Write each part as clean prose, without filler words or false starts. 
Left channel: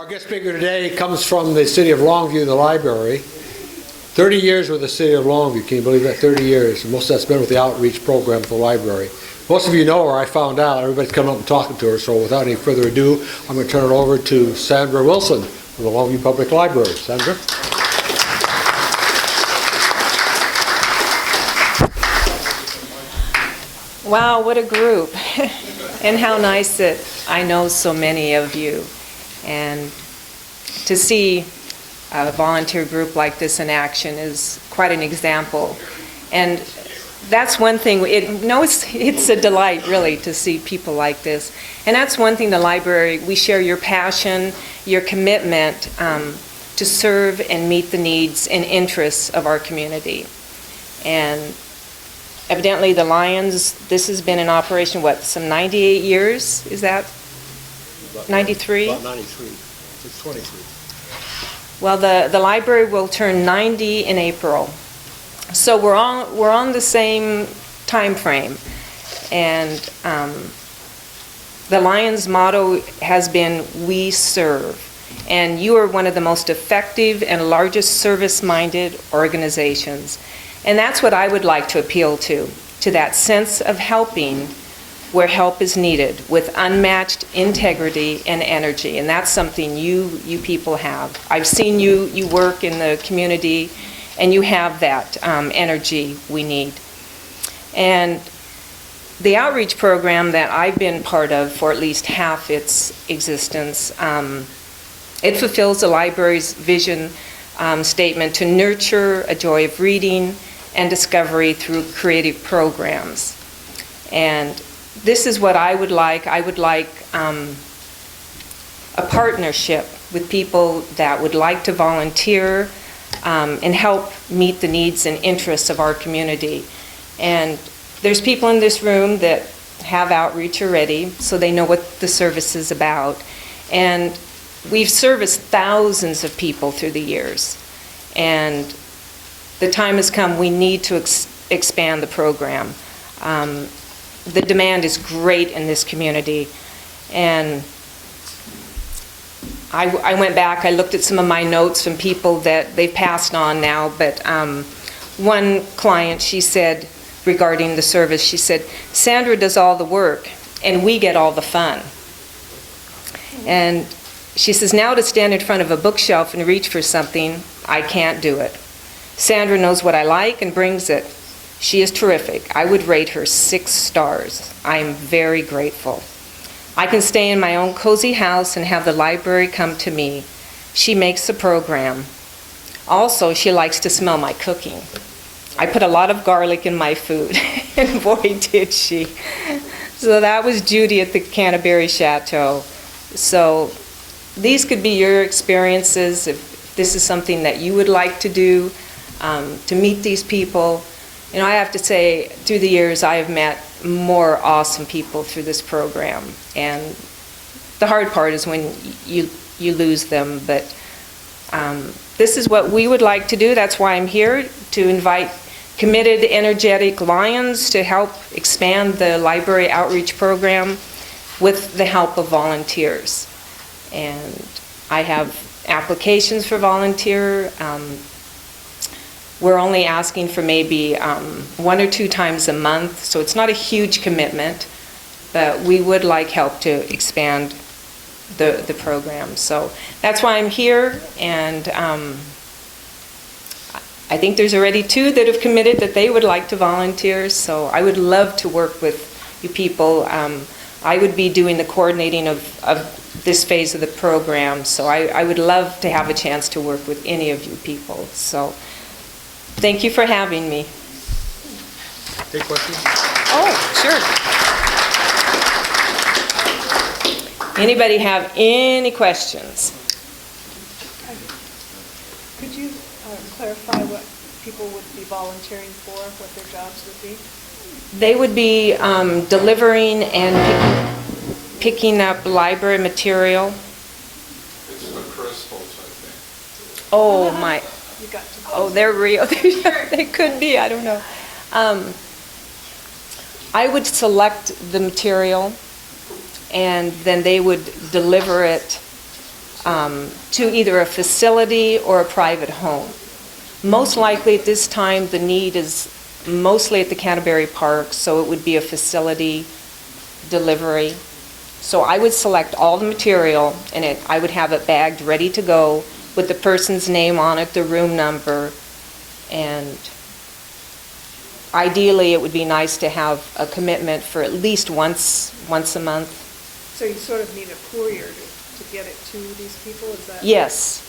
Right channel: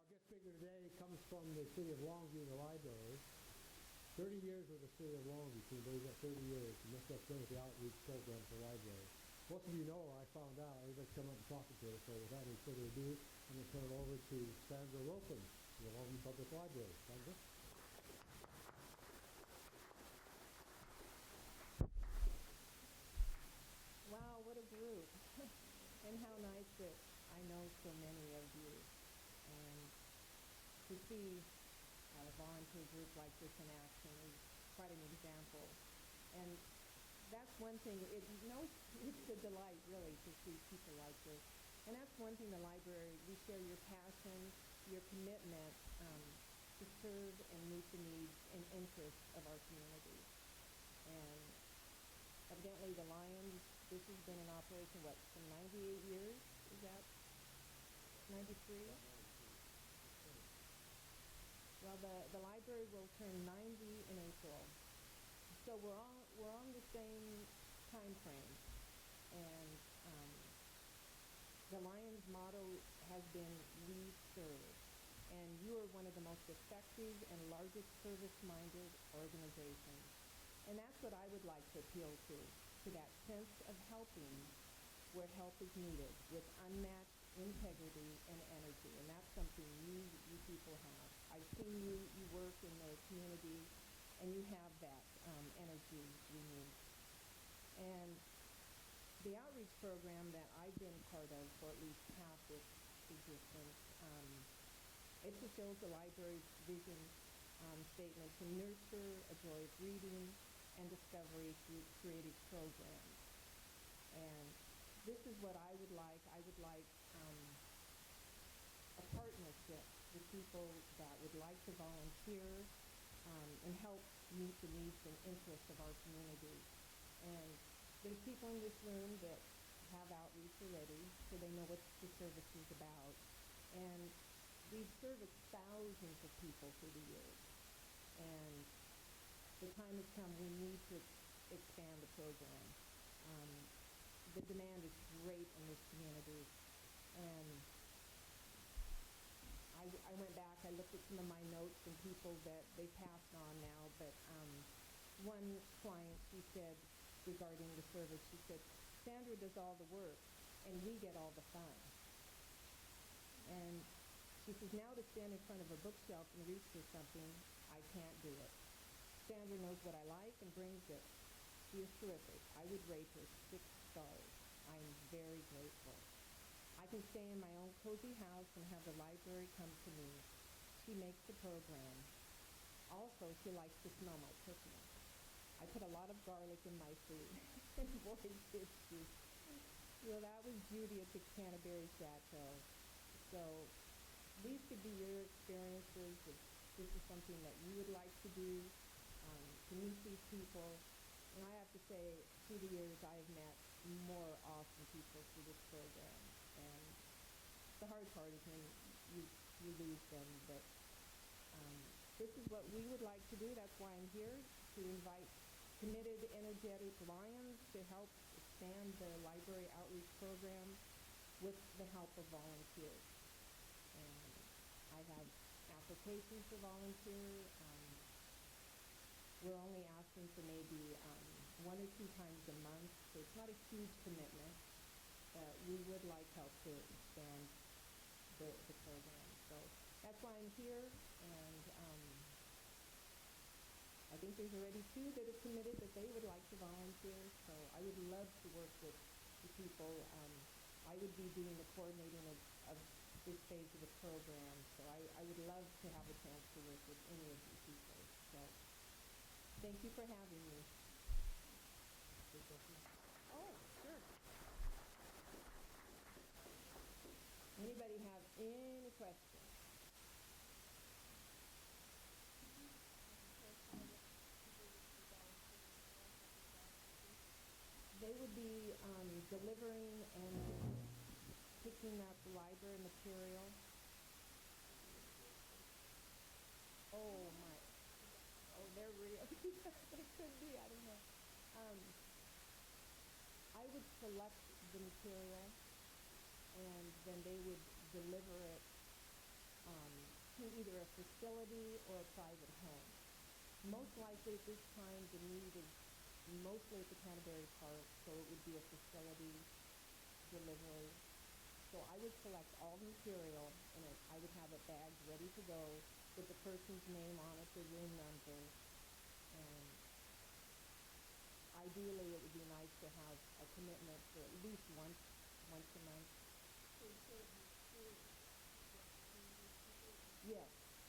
Our guest speaker today comes from the city of Longview, the library. 30 years with the city of Longview. Can you believe that? 30 years. And most of that's been with the outreach program for the library. Most of you know her, I found out. Everybody's coming up and talking to her. So without any further ado, I'm going to turn it over to Sandra Wilson from the Longview Public Library. Sandra? Wow, what a group. And how nice that I know so many of you. And to see a volunteer group like this in action is quite an example. And that's one thing, it's a delight really to see people like this. And that's one thing the library, we share your passion, your commitment to serve and meet the needs and interests of our community. And evidently the Lions, this has been in operation, what, some 98 years, is that? 93? About 93. It's 23. Well, the library will turn 90 in April. So we're on the same time frame. And the Lions motto has been, "We serve." And you are one of the most effective and largest service-minded organizations. And that's what I would like to appeal to that sense of helping where help is needed, with unmatched integrity and energy. And that's something you people have. I've seen you work in the community, and you have that energy we need. And the outreach program that I've been part of for at least half its existence, it fulfills the library's vision statement to nurture a joy of reading and discovery through creative programs. And this is what I would like. I would like a partnership with people that would like to volunteer and help meet the needs and interests of our community. And there's people in this room that have outreach already, so they know what the service is about. And we've serviced thousands of people through the years. And the time has come, we need to expand the program. The demand is great in this community. And I went back, I looked at some of my notes from people that they've passed on now, but one client, she said, regarding the service, she said, "Sandra does all the work and we get all the fun." And she says, "Now to stand in front of a bookshelf and reach for something, I can't do it. Sandra knows what I like and brings it. She is terrific. I would rate her 6 stars. I am very grateful. I can stay in my own cozy house and have the library come to me. She makes the program. Also, she likes to smell my cooking. I put a lot of garlic in my food." And boy, did she. So that was Judy at the Canterbury Chateau. So these could be your experiences if this is something that you would like to do, to meet these people. You know, I have to say, through the years, I have met more awesome people through this program. And the hard part is when you lose them. But this is what we would like to do. That's why I'm here, to invite committed, energetic Lions to help expand the library outreach program with the help of volunteers. And I have applications for volunteer. We're only asking for maybe 1 or 2 times a month, so it's not a huge commitment, but we would like help to expand the program. So that's why I'm here, and I think there's already 2 that have committed that they would like to volunteer, so I would love to work with you people. I would be doing the coordinating of this phase of the program, so I would love to have a chance to work with any of you people. So thank you for having me. Any questions? Oh, sure. Anybody have any questions? Could you clarify what people would be volunteering for, what their jobs would be? They would be delivering and picking up library material. It's the crystals, I think. Oh, my. You got to Oh, they're real. They could be, I don't know. I would select the material, and then they would deliver it to either a facility or a private home. Most likely at this time, the need is mostly at the Canterbury Park, so it would be a facility delivery. So I would select all the material, and I would have it bagged, ready to go, with the person's name on it, the room number, and ideally, it would be nice to have a commitment for at least once a month. So you sort of need a courier to get it to these people, is that? Yes.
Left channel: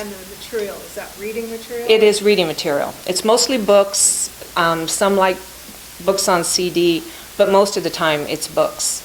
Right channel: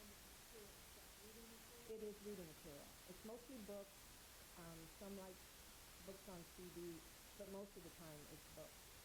And the material, is that reading material? It is reading material. It's mostly books, some like books on CD, but most of the time it's books.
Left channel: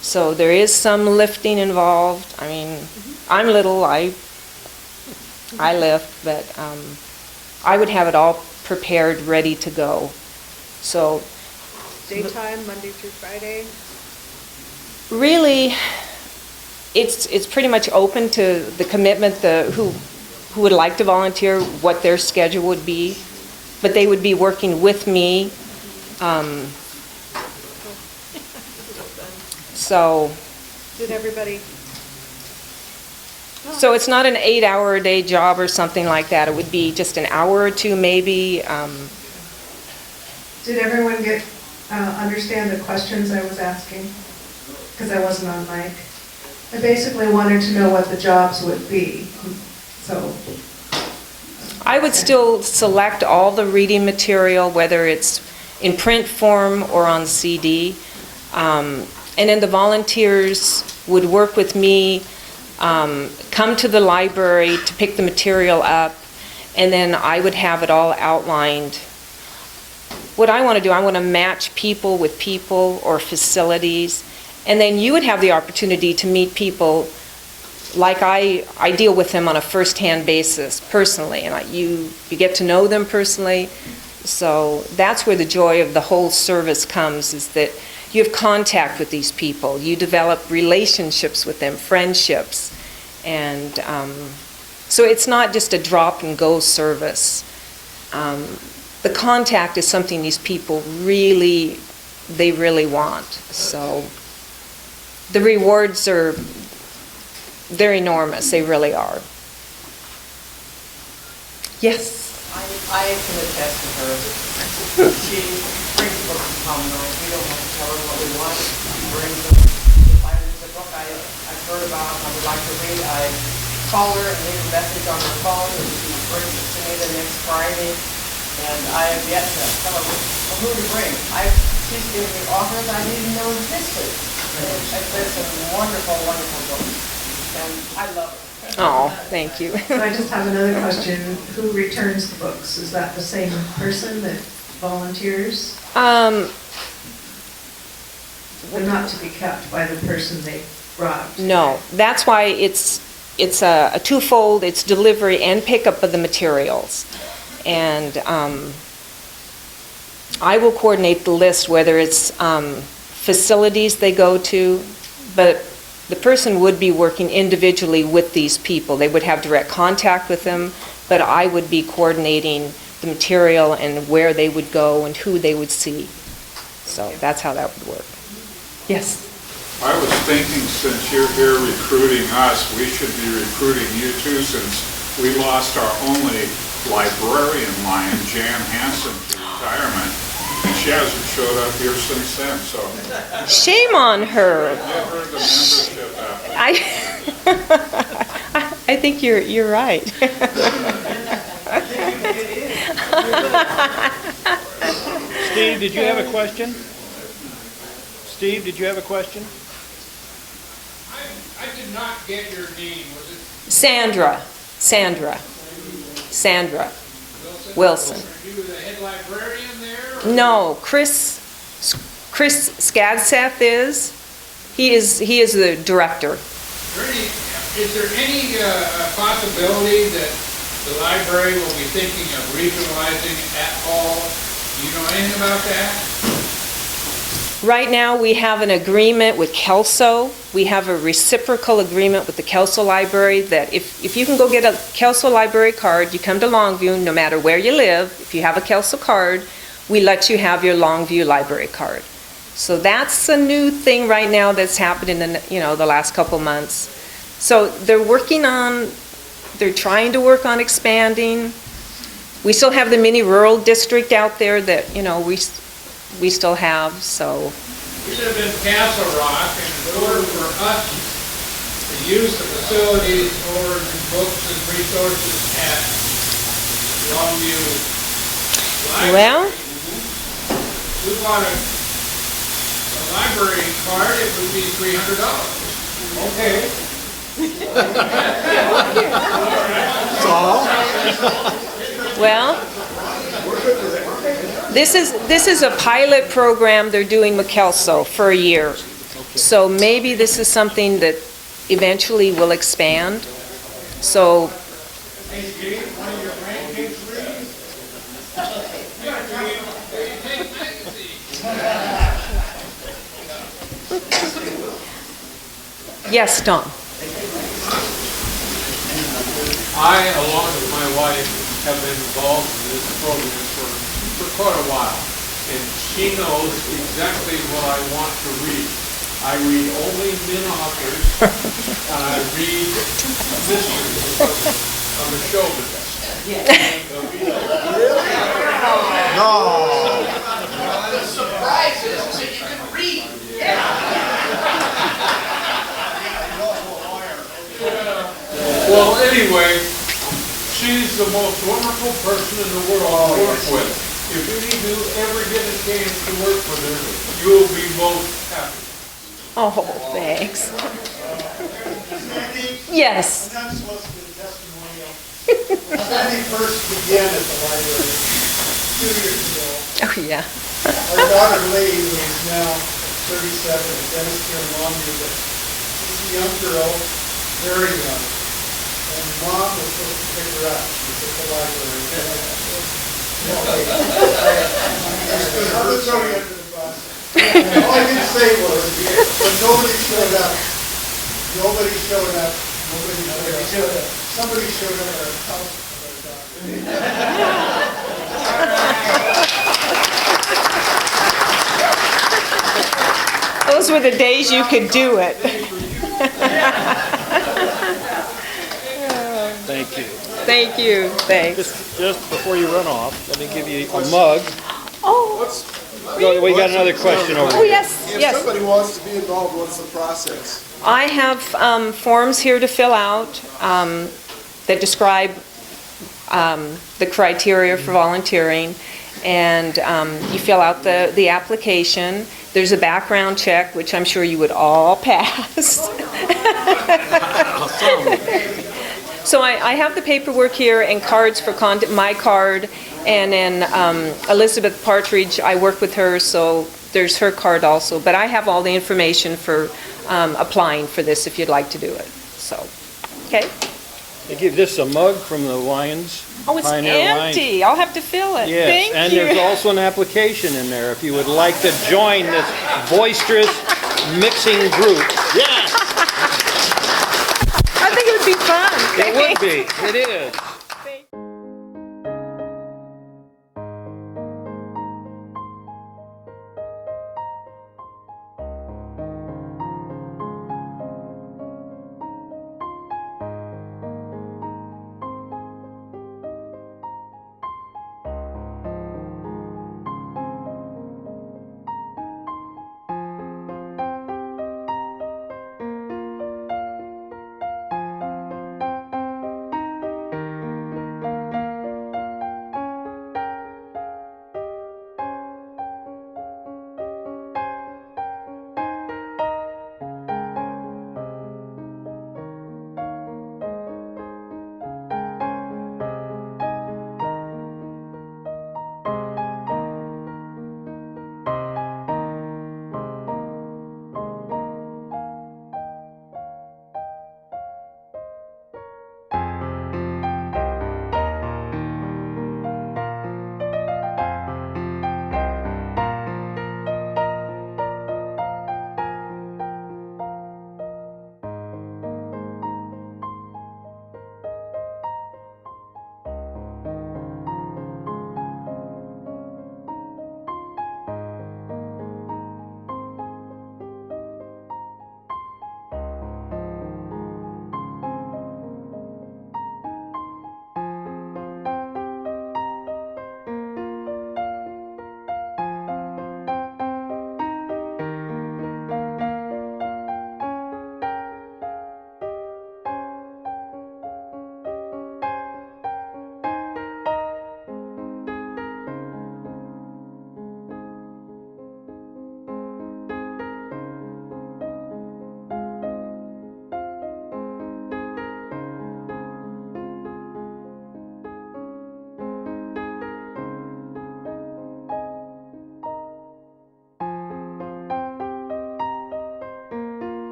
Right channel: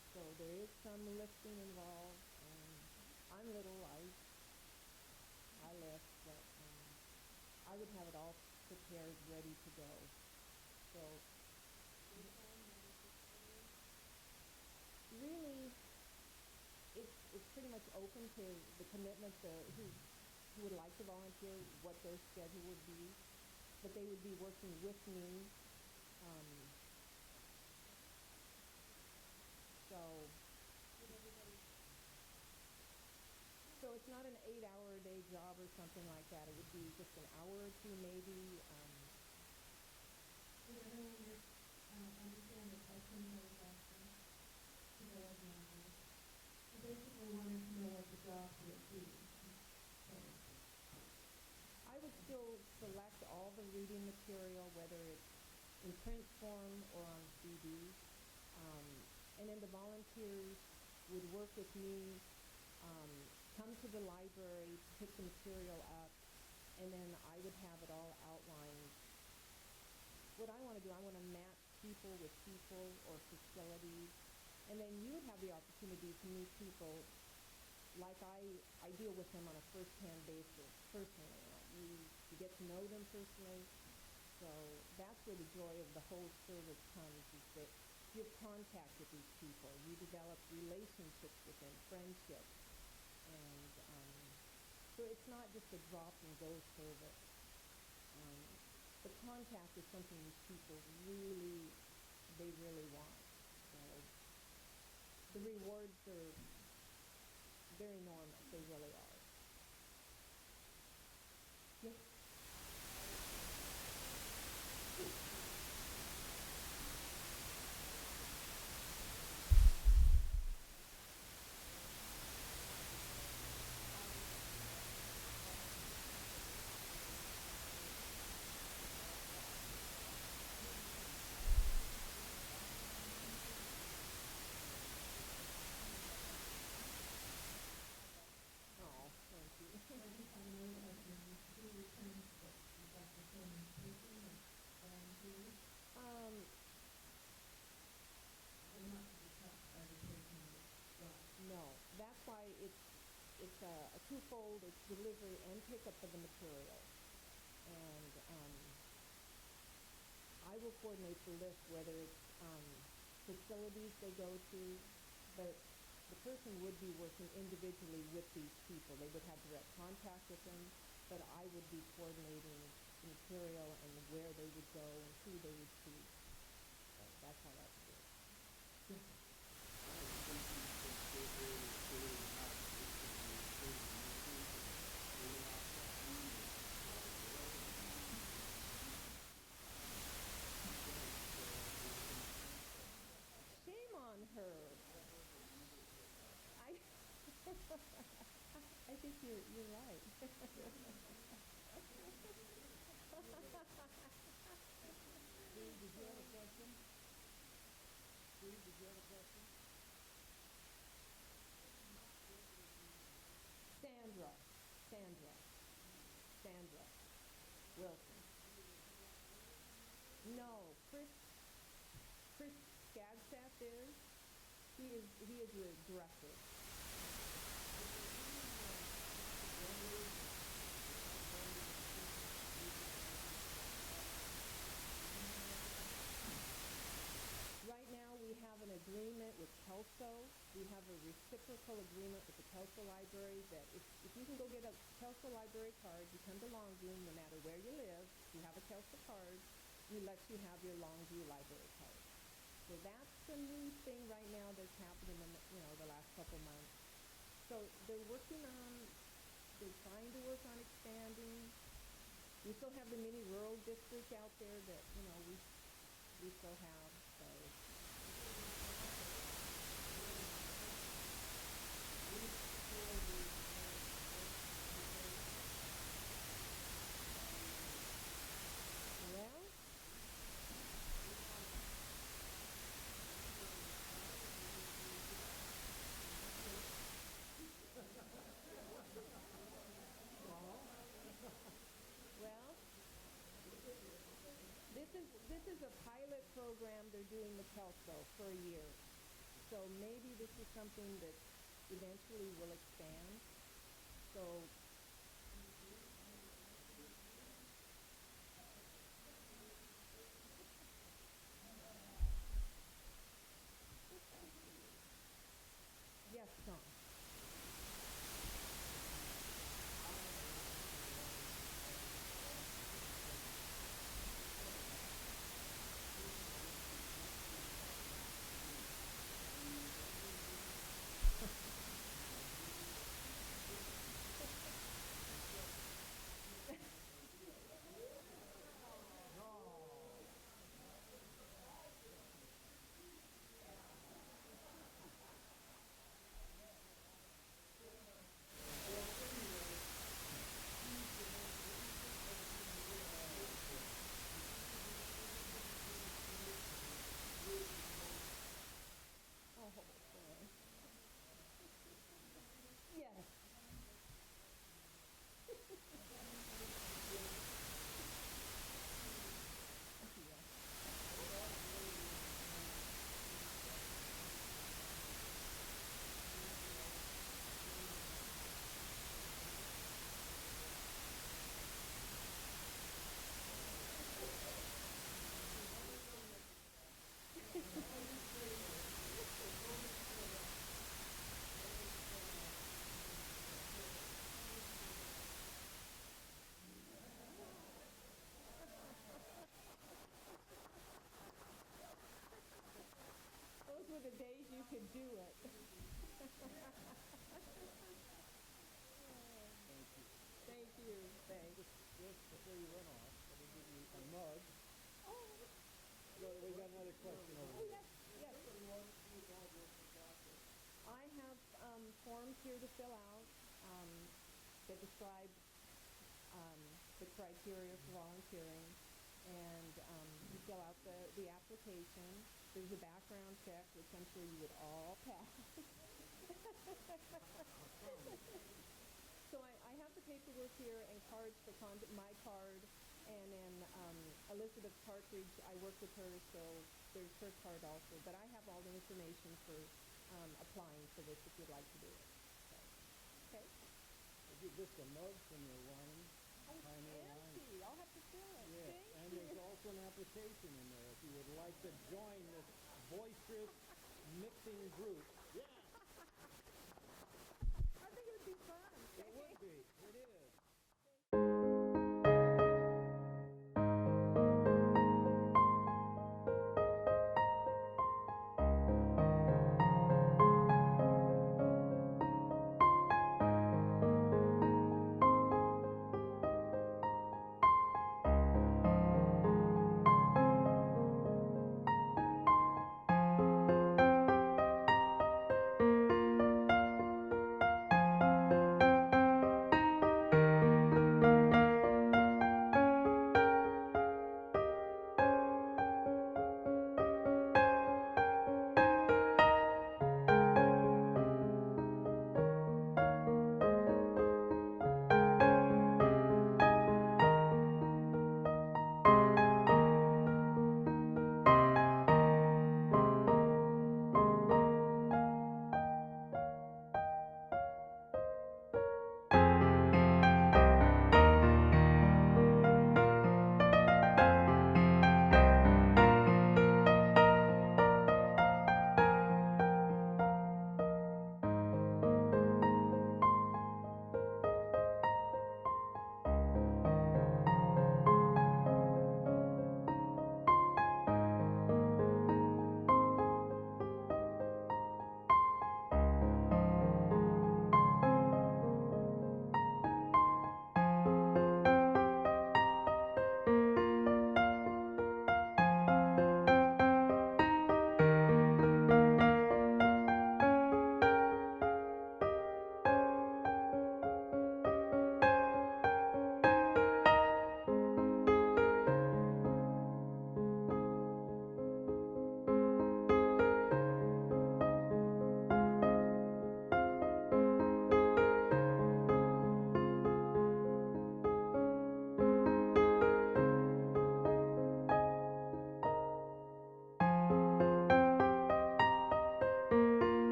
So there is some lifting involved. I mean, I'm little, I lift, but I would have it all prepared, ready to go. So Daytime, Monday through Friday? really, it's pretty much open to the commitment, who would like to volunteer, what their schedule would be, but they would be working with me. So Did everybody? So it's not an 8-hour-a-day job or something like that. It would be just an hour or two maybe. Did everyone understand the questions I was asking? Because I wasn't on mic. I basically wanted to know what the jobs would be, so. I would still select all the reading material, whether it's in print form or on CD. And then the volunteers would work with me, come to the library to pick the material up, and then I would have it all outlined. What I want to do, I want to match people with people or facilities, and then you would have the opportunity to meet people like I deal with them on a first-hand basis personally, and you get to know them personally. So that's where the joy of the whole service comes, is that you have contact with these people, you develop relationships with them, friendships, and so it's not just a drop-and-go service. The contact is something these people really want. So the rewards they're enormous, they really are. Yes? I can attest to her. She brings books to home, we don't have to tell her what we want. She brings them. If there's a book I've heard about and I would like to read, I call her and leave a message on her phone, and she brings it to me the next Friday. And I have yet to tell her who to bring. She's given me authors I didn't even know existed. And there's some wonderful, wonderful books. And I love it. Oh, thank you. So I just have another question. Who returns the books? Is that the same person that volunteers? They're not to be kept by the person they brought? No, that's why it's a twofold. It's delivery and pickup of the materials. And I will coordinate the list, whether it's facilities they go to, but the person would be working individually with these people. They would have direct contact with them, but I would be coordinating the material and where they would go and who they would see. So that's how that would work. Yes? I was thinking, since you're here recruiting us, we should be recruiting you too, since we lost our only librarian lion, Jan Hansen, to retirement. And she hasn't showed up here since then, so Shame on her. give her the membership after. I think you're right. Steve, did you have a question? Steve, did you have a question? I did not get your name. Was it Sandra Wilson. Are you the head librarian there? No, Chris Skadseth is. He is the director. Is there any possibility that the library will be thinking of regionalizing at all? Do you know anything about that? Right now, we have an agreement with Kelso. We have a reciprocal agreement with the Kelso Library that if you can go get a Kelso Library card, you come to Longview, no matter where you live, if you have a Kelso card, we let you have your Longview Library card. So that's a new thing right now that's happened in the last couple months. So they're trying to work on expanding. We still have the mini rural district out there that, we still have, so. We live in Castle Rock, and in order for us to use the facilities or the books and resources at Longview Library, Well, we want a library card, it would be $300. Okay. well, this is a pilot program they're doing with Kelso for a year. So maybe this is something that eventually will expand. So, yes, Tom. I, along with my wife, have been involved in this program for quite a while. And she knows exactly what I want to read. I read only men authors, and I read mysteries of the show business. The surprise is that you can read. Well, anyway, she's the most wonderful person in the world to work with. If any of you ever get a chance to work with her, you'll be most happy. Oh, thanks. Yes. I'm not supposed to be a testimonial. When I first began at the library 2 years ago, Oh, yeah. our daughter Lee, who is now 37, a dentist here in Longview, but she's a young girl, very young. And mom was supposed to pick her up. She was at the library. No, wait. I was throwing her under the bus. All I could say was, but nobody showed up. Nobody showed up. Somebody showed up at our house with our daughter. Those were the days you could do it. Thank you. Thank you, thanks. Just before you run off, let me give you a mug. Oh, We got another question over oh, here. yes, If yes. somebody wants to be involved, what's the process? I have forms here to fill out that describe the criteria for volunteering, and you fill out the application. There's a background check, which I'm sure you would all pass. So I have the paperwork here and cards for my card, and then Elizabeth Partridge, I work with her, so there's her card also. But I have all the information for applying for this if you'd like to do it. So, okay. They give this a mug from the Lions. Oh, it's Pioneer Lions. empty. I'll have to fill it. Yes, Thank and you. there's also an application in there if you would like to join this boisterous mixing group. Yes, I think it would be fun. it would be. It is.